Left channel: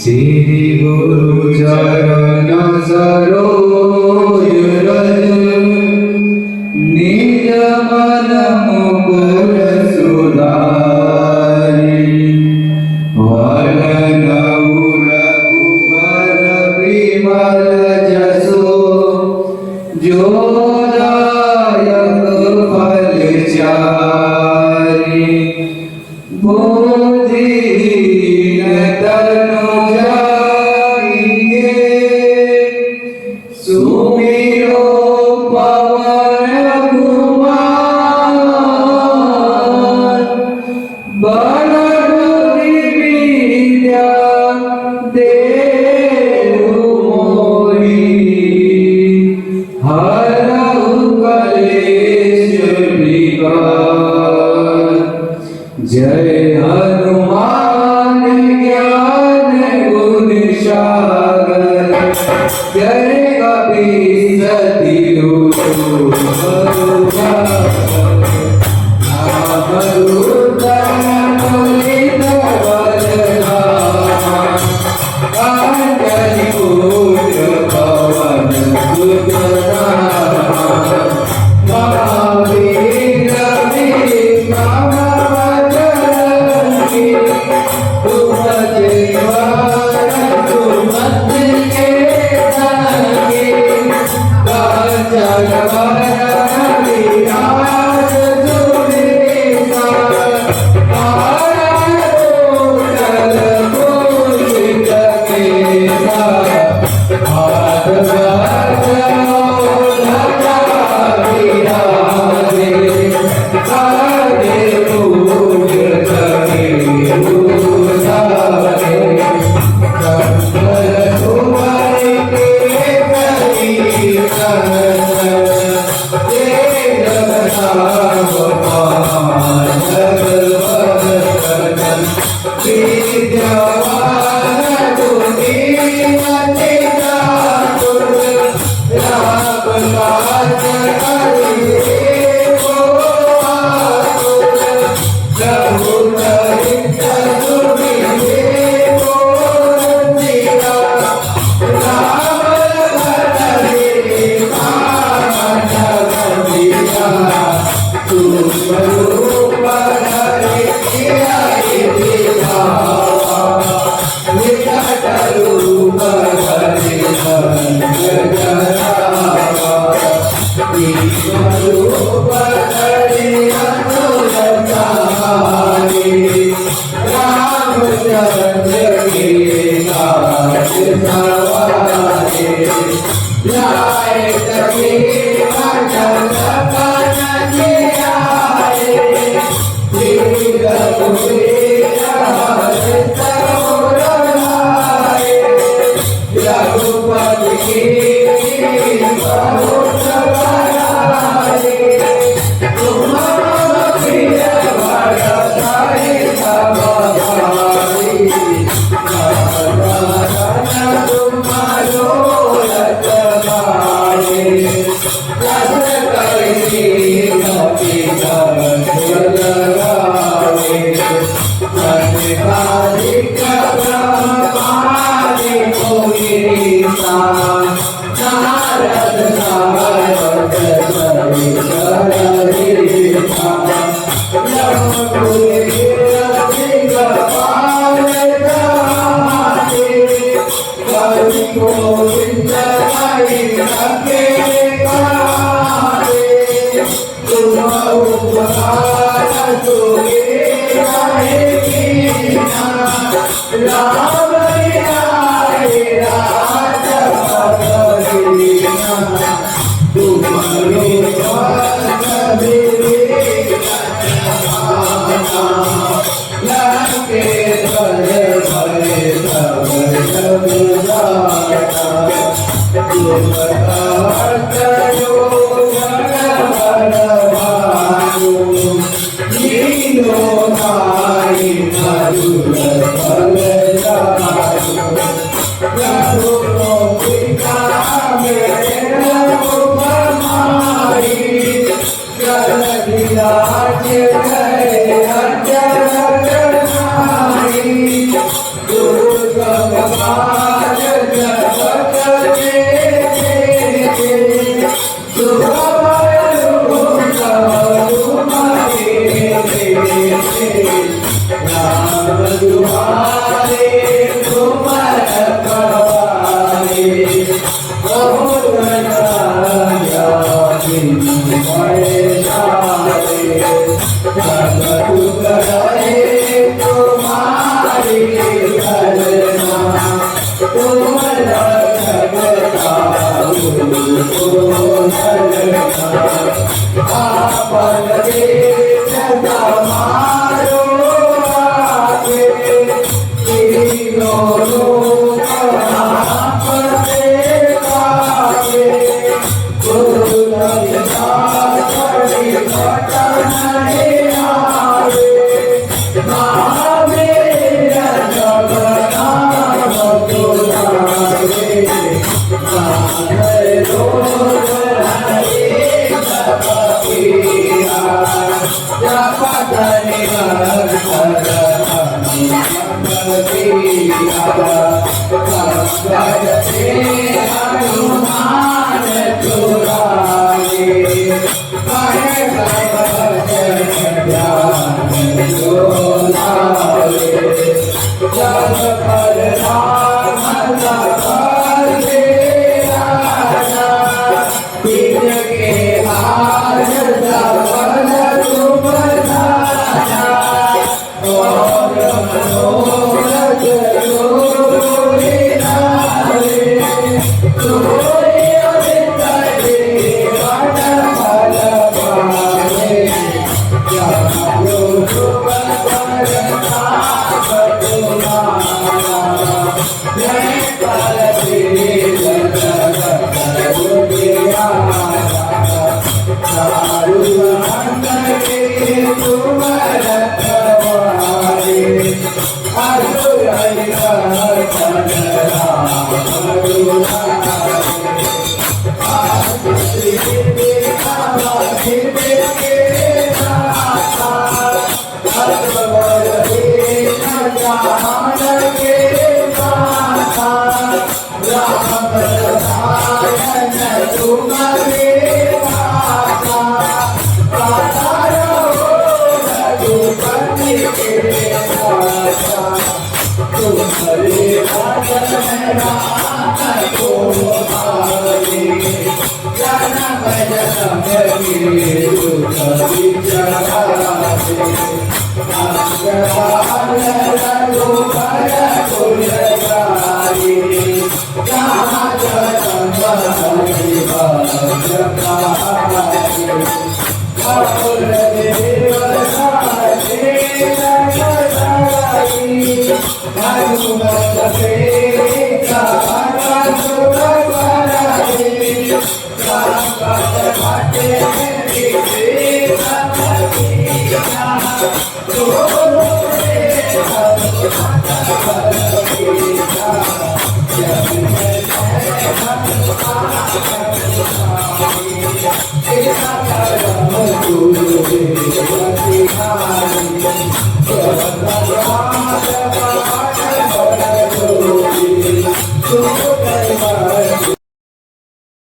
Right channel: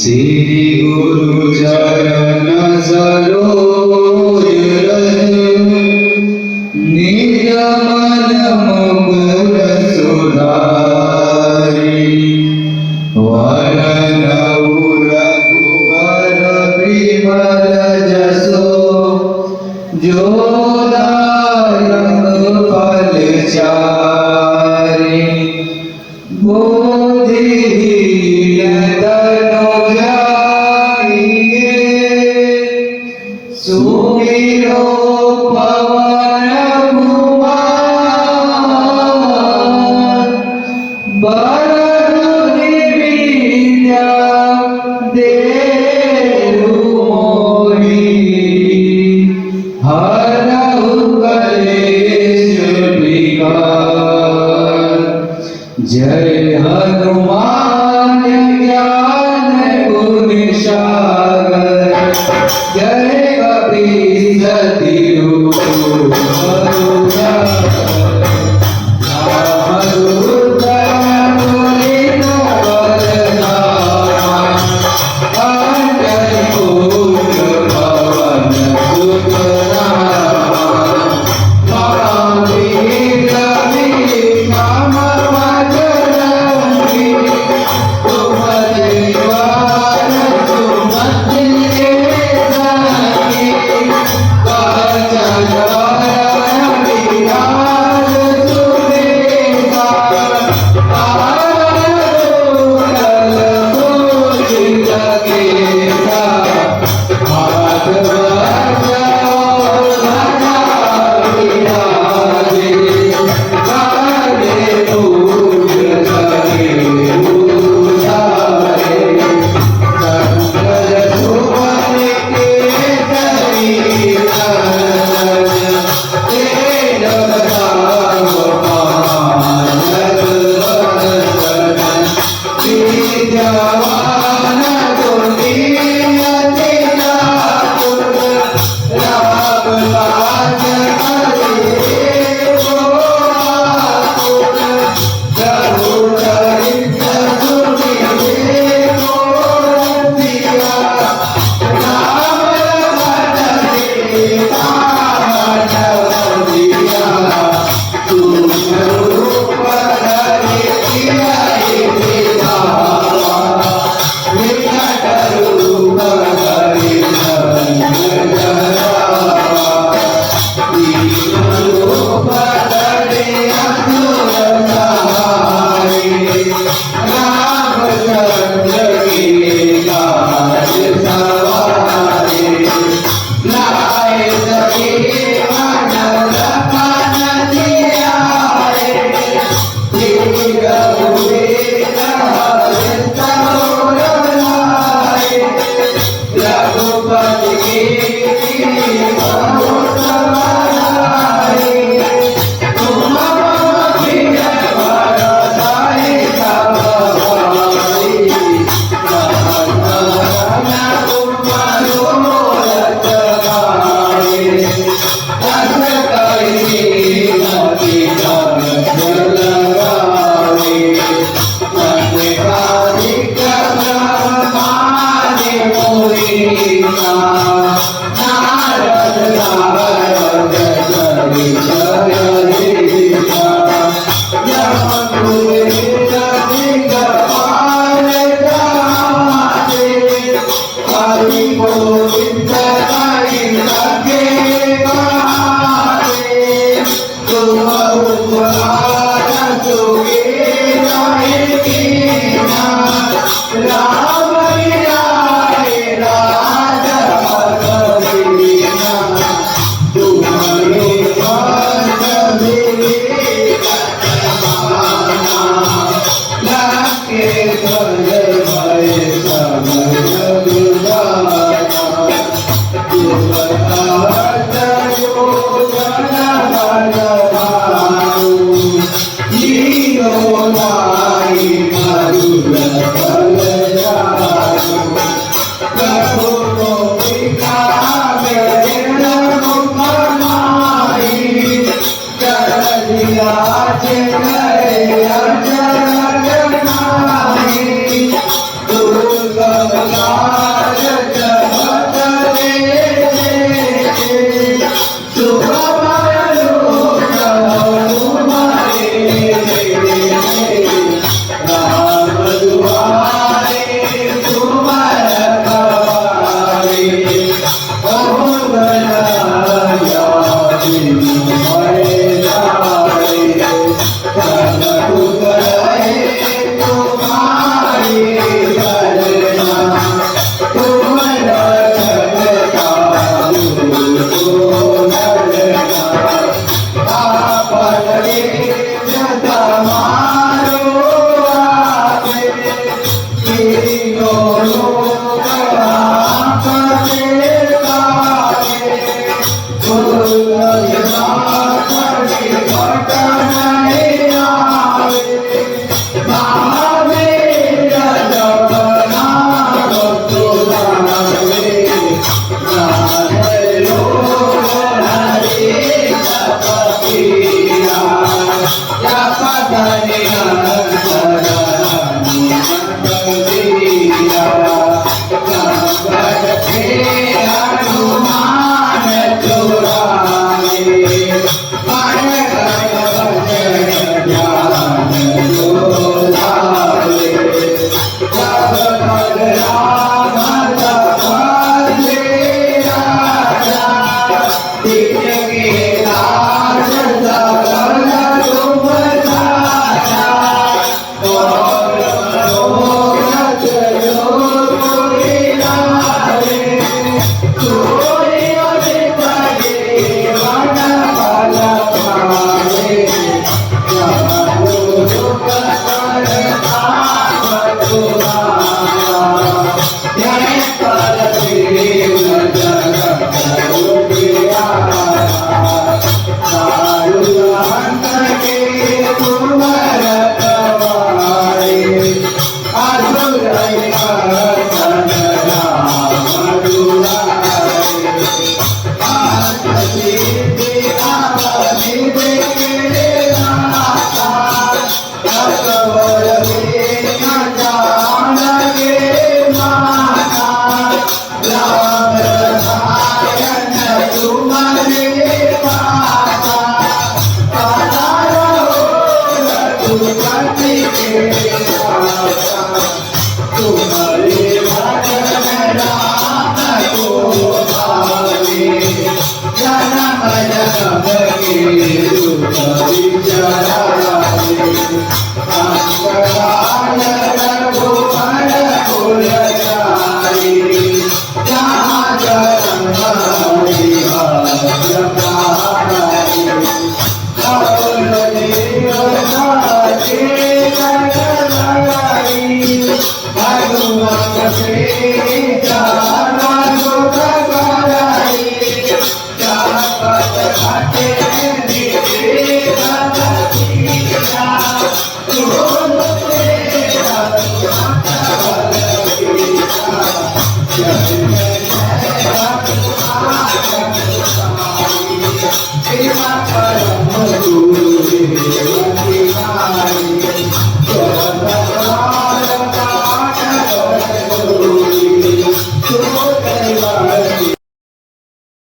श्री गुरु चरण सरोज रज निज मन मुकुर सुधारि वरन रघुवर विमल जसो जो दायक फल चारि बुद्धिहीन तनु जाइए सुमिरो पवन कुमार बड़ विद्या देहु मोहि हरहु कलेश विकार जय हनुमान ज्ञान गुण सागर जय कपीस तिहु करते हनुमान छुड़ावे मन क्रम भजन ध्यान जो लावे जब कर राम सफल राजा दिल के लाज सकल तुम जाना और मनोरथ जो तुरी नारे सोई अमित के मन फल पावे जानो सुख करता तुम्हारा जय कर श्री जगत उजियारा साधु संत के तुम रखवारे असुर निकंदन राम दुलारे आरती आवती के नाथा अकबर दीन जानके माता राम रसायन तुम्हारे माता सदा रहो रघुपति के दाता तुम्हारे भजन राम को पावे जन्म जन्म के दुख विचारे अंतकाल रघुबर कुल जाए जहाँ जन्म विभाग पाए और देवता के लगाई हनुमत से चार सुख कराई चापत घटे नीचे भगतिया जोर से हनुमत बलवीरा जय जय हनुमान कृपा करम गुरु